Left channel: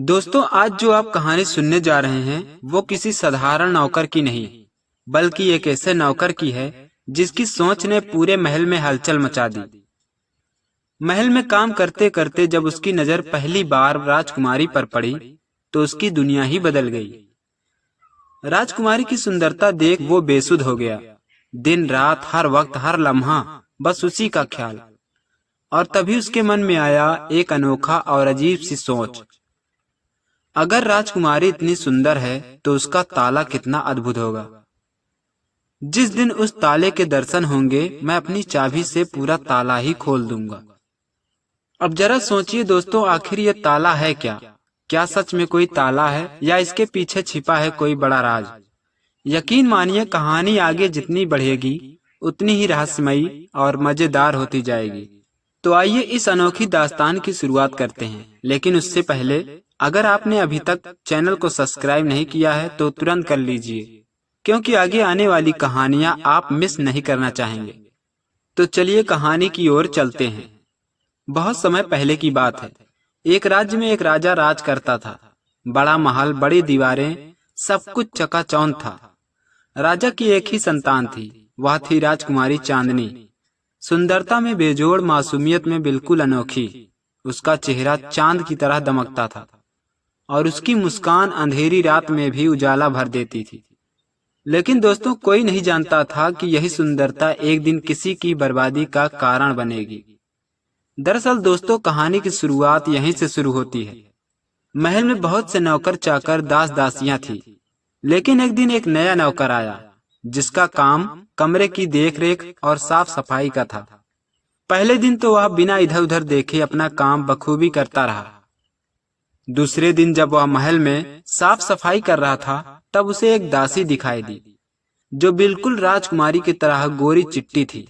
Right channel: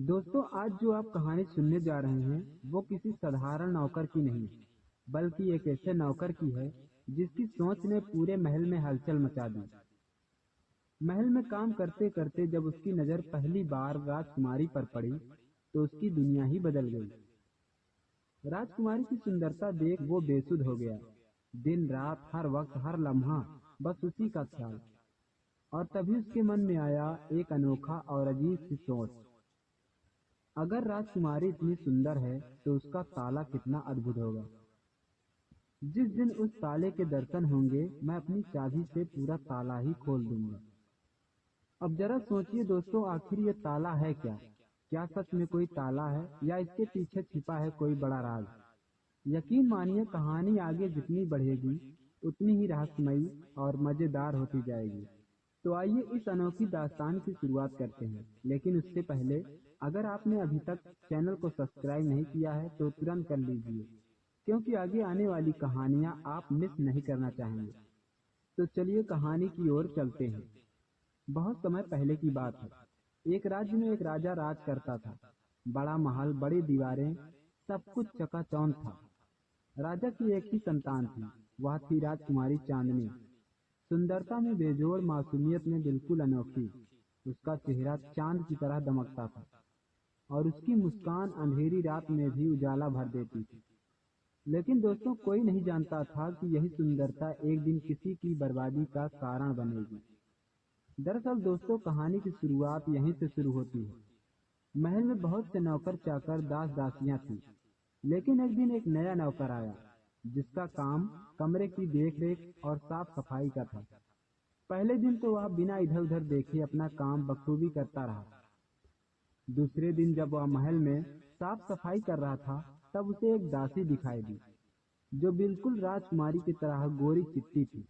दोस्तों, आज जो आप कहानी सुनने जा रहे हैं वो किसी साधारण नौकर की नहीं, बल्कि एक ऐसे नौकर की है जिसकी सोच ने पूरे महल में हलचल मचा दी। महल में काम करते करते जब उसकी नजर पहली बार राजकुमारी पर पड़ी तो उसकी दुनिया ही बदल गई। राजकुमारी की सुंदरता देख वो बेसुध हो गया। दिन रात हर वक्त हर लम्हा बस उसी का ख्याल। और तभी उसके मन में आया एक अनोखा और अजीब सी सोच। अगर राजकुमारी इतनी सुंदर है तो उसका ताला कितना अद्भुत होगा। जिस दिन उस ताले के दर्शन होंगे मैं अपनी चाबी से पूरा ताला ही खोल दूंगा। अब जरा सोचिए दोस्तों, आखिर ये ताला है क्या? क्या सच में कोई ताला है या इसके पीछे छिपा है कोई बड़ा राज? यकीन मानिए, कहानी आगे जितनी बढ़ेगी उतनी ही रहस्यमयी और मजेदार होती जाएगी। तो आइए इस अनोखी दास्तान की शुरुआत करते हैं। लेकिन उससे पहले अगर आपने अभी तक चैनल को सब्सक्राइब नहीं किया है तो तुरंत कर लीजिए, क्योंकि आगे आने वाली कहानियां आप मिस नहीं करना चाहेंगे। तो चलिए कहानी की ओर चलते हैं। बहुत समय पहले की बात है। एक राज्य में एक राजा राज करता था। बड़ा महल, बड़ी दीवारें, सब कुछ चकाचौंध था। राजा की एक ही संतान थी, वह थी राजकुमारी चांदनी। सुंदरता में बेजोड़, मासूमियत में बिल्कुल अनोखी। उसका चेहरा चांद की तरह दमकता था और उसकी मुस्कान अंधेरी रात में भी उजाला भर देती थी। लेकिन दोस्तों, कोई नहीं जानता था कि यही सुंदरता एक दिन किसी की बर्बादी का कारण बनेगी। दरअसल दोस्तों, कहानी की शुरुआत यहीं से शुरू होती है। महल में बहुत से नौकर चाकर, दास दासियां थी। लेकिन एक दिन एक नया नौकर आया जिसका काम कमरे की देखरेख और साफ सफाई का था। पहले दिन तो वह बिना इधर उधर देखे अपना काम बखूबी करता रहा। दूसरे दिन जब वह महल में साफ सफाई कर रहा था तब उसे एक दासी दिखाई दी जो बिल्कुल राजकुमारी की तरह गोरी चिट्टी थी।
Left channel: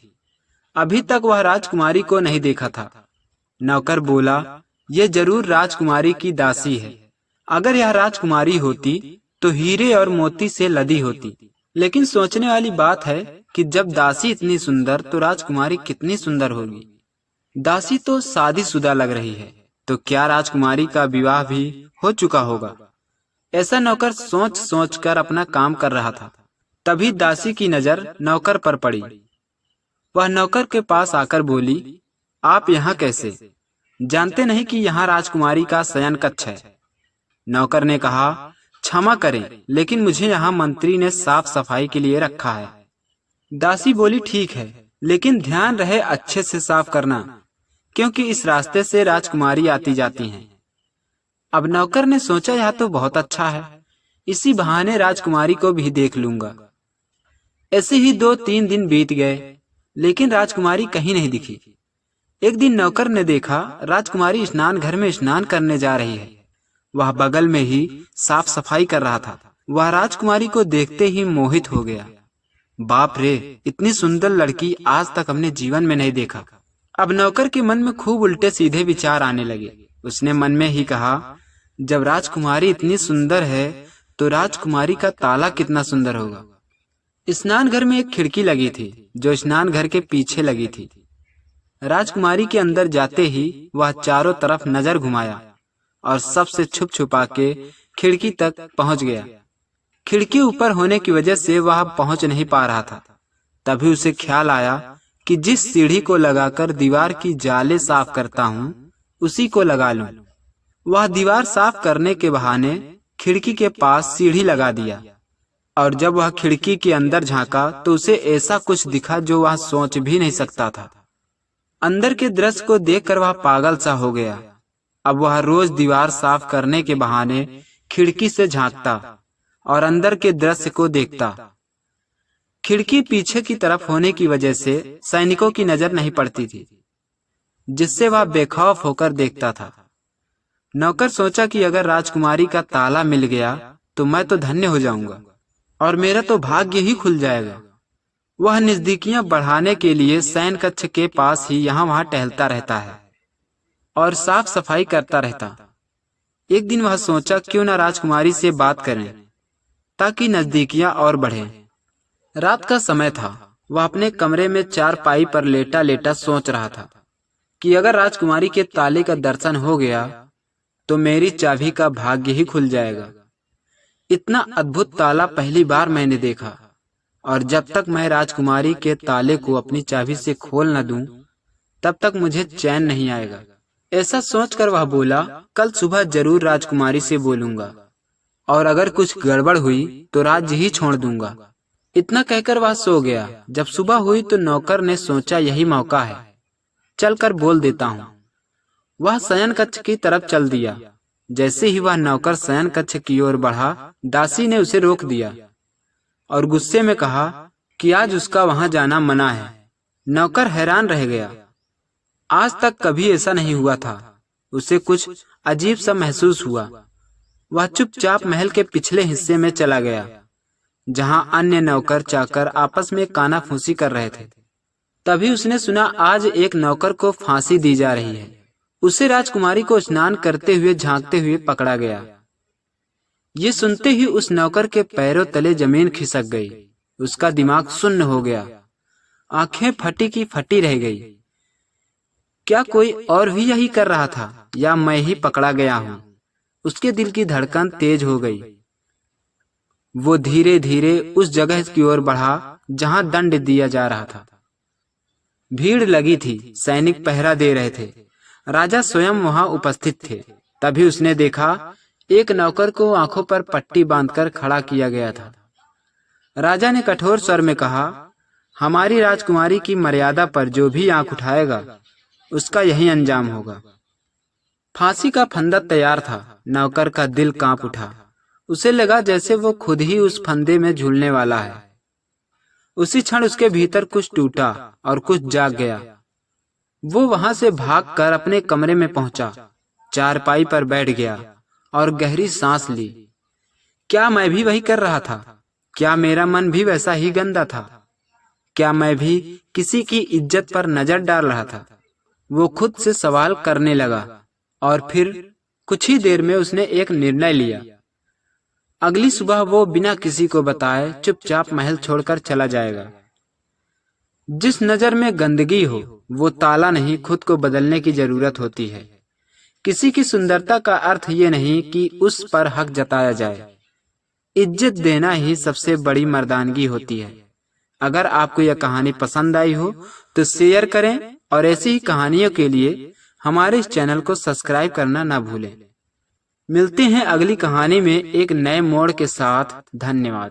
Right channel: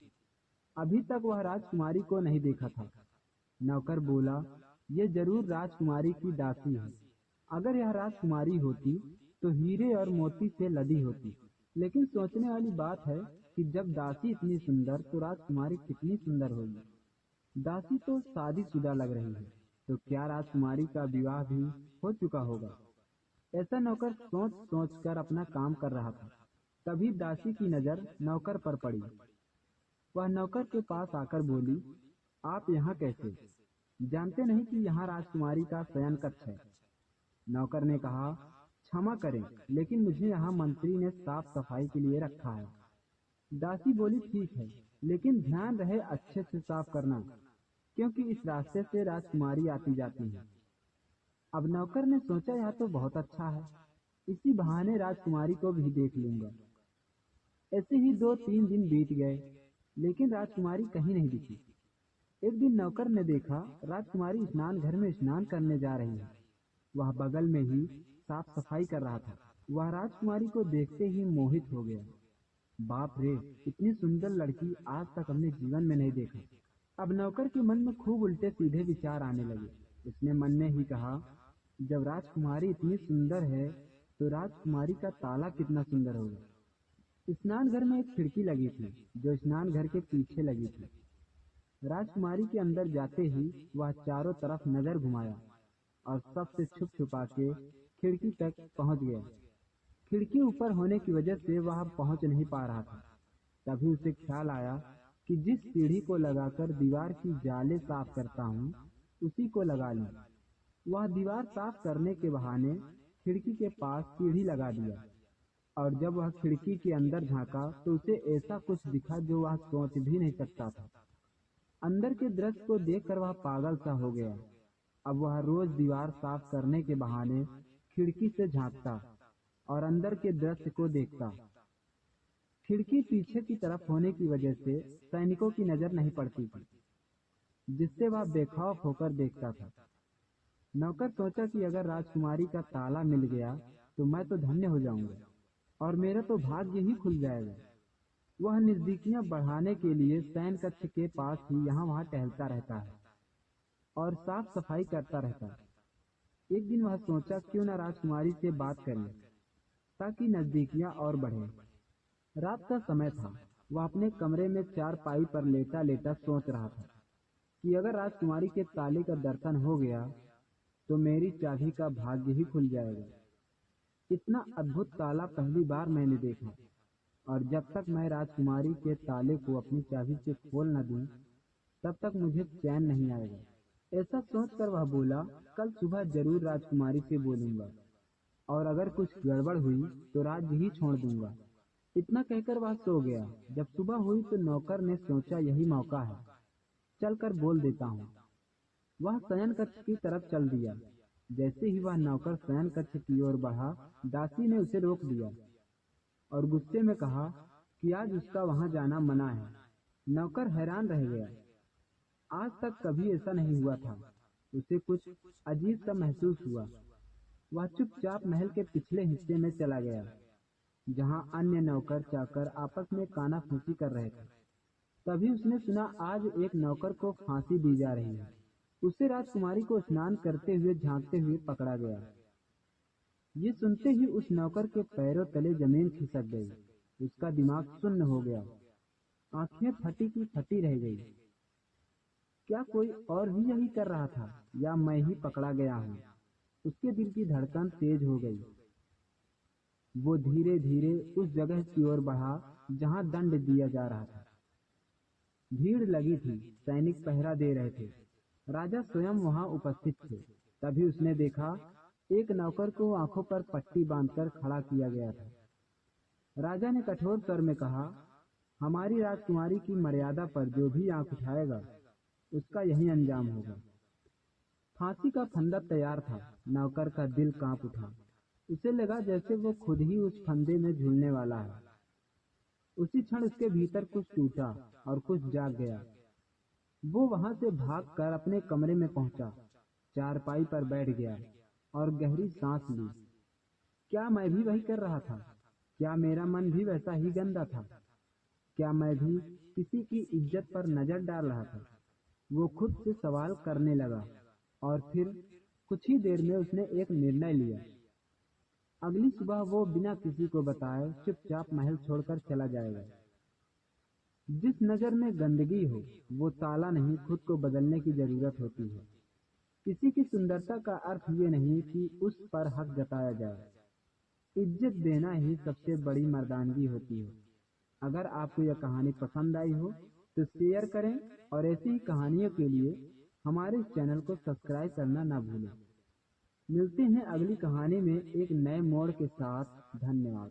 अभी तक वह राजकुमारी को नहीं देखा था। नौकर बोला, यह जरूर राजकुमारी की दासी है। अगर यह राजकुमारी होती तो हीरे और मोती से लदी होती। लेकिन सोचने वाली बात है कि जब दासी इतनी सुंदर तो राजकुमारी कितनी सुंदर होगी। दासी तो शादीशुदा लग रही है, तो क्या राजकुमारी का विवाह भी हो चुका होगा? ऐसा नौकर सोच सोच कर अपना काम कर रहा था। तभी दासी की नजर नौकर पर पड़ी। वह नौकर के पास आकर बोली, आप यहाँ कैसे? जानते नहीं कि यहाँ राजकुमारी का शयन कक्ष है? नौकर ने कहा, क्षमा करें, लेकिन मुझे यहाँ मंत्री ने साफ सफाई के लिए रखा है। दासी बोली, ठीक है, लेकिन ध्यान रहे अच्छे से साफ करना, क्योंकि इस रास्ते से राजकुमारी आती जाती हैं। अब नौकर ने सोचा, यह तो बहुत अच्छा है, इसी बहाने राजकुमारी को भी देख लूंगा। ऐसे ही 2-3 दिन बीत गए, लेकिन राजकुमारी कहीं नहीं दिखी। एक दिन नौकर ने देखा राजकुमारी स्नान घर में स्नान करने जा रही है। वह बगल में ही साफ सफाई कर रहा था। वह राजकुमारी को देखते ही मोहित हो गया। बाप रे, इतनी सुंदर लड़की आज तक हमने जीवन में नहीं देखा। अब नौकर के मन में खूब उल्टे सीधे विचार आने लगे। उसने मन में ही कहा, जब राजकुमारी इतनी सुंदर है तो राजकुमारी का ताला कितना सुंदर होगा। स्नान घर में एक खिड़की लगी थी जो स्नान घर के पीछे लगी थी। राजकुमारी के अंदर जाते ही वह चारों तरफ नजर घुमाया और सबसे छुप छुपा के खिड़की तक पहुंच गया। खिड़की ऊपर होने की वजह से वह पहुंच नहीं पा रहा था। तभी उसे ख्याल आया कि जिस सीढ़ी को लगाकर दीवार की जाले साफ करता हूँ उसी को लगा लूं। वह दीवार साफ करने के बहाने खिड़की के पास सीढ़ी लगा दिया और जब वह खिड़की के अंदर झांका तो उसे ऐसा कुछ दिखा जो वह सोच भी नहीं सकता था। अंदर के दृश्य को देखकर वह पागल सा हो गया। अब वह रोज दीवार साफ करने के बहाने खिड़की से झांकता और अंदर के दृश्य को देखता। खिड़की पीछे की तरफ होने की वजह से सैनिकों की नजर नहीं पड़ती थी, जिससे वह बेखौफ होकर देखता था। नौकर सोचा कि अगर राजकुमारी का ताला मिल गया तो मैं तो धन्य हो जाऊंगा और मेरा तो भाग्य ही खुल जाएगा। वह नजदीकियां बढ़ाने के लिए शयन कक्ष के पास ही यहाँ वहां टहलता रहता है और साफ सफाई करता रहता। एक दिन वह सोचा, क्यों न राजकुमारी से बात करें ताकि नजदीकियां और बढ़े। रात का समय था। वह अपने कमरे में चारपाई पर लेटा लेटा सोच रहा था कि अगर राजकुमारी के ताले का दर्शन हो गया तो मेरी चाबी का भाग्य ही खुल जाएगा। इतना अद्भुत ताला पहली बार मैंने देखा, और जब तक मैं राजकुमारी के ताले को अपनी चाबी से खोल न दूं, तब तक मुझे चैन नहीं आएगा। ऐसा सोचकर वह बोला, कल सुबह जरूर राजकुमारी से बोलूंगा, और अगर कुछ गड़बड़ हुई तो राज्य ही छोड़ दूंगा। इतना कहकर वह सो गया। जब सुबह हुई तो नौकर ने सोचा, यही मौका है, चलकर बोल देता हूँ। वह शयन कक्ष की तरफ चल दिया। जैसे ही वह नौकर शयन कक्ष की ओर बढ़ा, दासी ने उसे रोक दिया और गुस्से में कहा कि आज उसका वहां जाना मना है। नौकर हैरान रह गया। आज तक कभी ऐसा नहीं हुआ था। उसे कुछ अजीब सा महसूस हुआ। वह चुपचाप महल के पिछले हिस्से में चला गया, जहां अन्य नौकर चाकर आपस में कानाफूसी कर रहे थे। तभी उसने सुना, आज एक नौकर को फांसी दी जा रही है। उसे राजकुमारी को स्नान करते हुए झांकते हुए पकड़ा गया। ये सुनते ही उस नौकर के पैरों तले जमीन खिसक गई। उसका दिमाग सुन्न हो गया, आंखें फटी की फटी रह गई। क्या कोई और भी यही कर रहा था, या मैं ही पकड़ा गया हूँ? उसके दिल की धड़कन तेज हो गई। वो धीरे धीरे उस जगह की ओर बढ़ा जहां दंड दिया जा रहा था। भीड़ लगी थी, सैनिक पहरा दे रहे थे, राजा स्वयं वहां उपस्थित थे। तभी उसने देखा, एक नौकर को आंखों पर पट्टी बांधकर खड़ा किया गया था। राजा ने कठोर स्वर में कहा, हमारी राजकुमारी की मर्यादा पर जो भी आंख उठाएगा, उसका यही अंजाम होगा। फांसी का फंदा तैयार था। नौकर का दिल कांप उठा। उसे लगा जैसे वो खुद ही उस फंदे में झूलने वाला है। उसी क्षण उसके भीतर कुछ टूटा और कुछ जाग गया। वो वहां से भागकर अपने कमरे में पहुंचा, चारपाई पर बैठ गया और गहरी सांस ली। क्या मैं भी वही कर रहा था? क्या मेरा मन भी वैसा ही गंदा था? क्या मैं भी किसी की इज्जत पर नजर डाल रहा था? वो खुद से सवाल करने लगा, और फिर कुछ ही देर में उसने एक निर्णय लिया। अगली सुबह वो बिना किसी को बताए चुपचाप महल छोड़कर चला जाएगा। जिस नजर में गंदगी हो, वो ताला नहीं, खुद को बदलने की जरूरत होती है। किसी की सुंदरता का अर्थ ये नहीं कि उस पर हक जताया जाए। इज्जत देना ही सबसे बड़ी मर्दानगी होती है। अगर आपको यह कहानी पसंद आई हो तो शेयर करें, और ऐसी ही कहानियों के लिए हमारे इस चैनल को सब्सक्राइब करना ना भूलें। मिलते हैं अगली कहानी में एक नए मोड़ के साथ। धन्यवाद।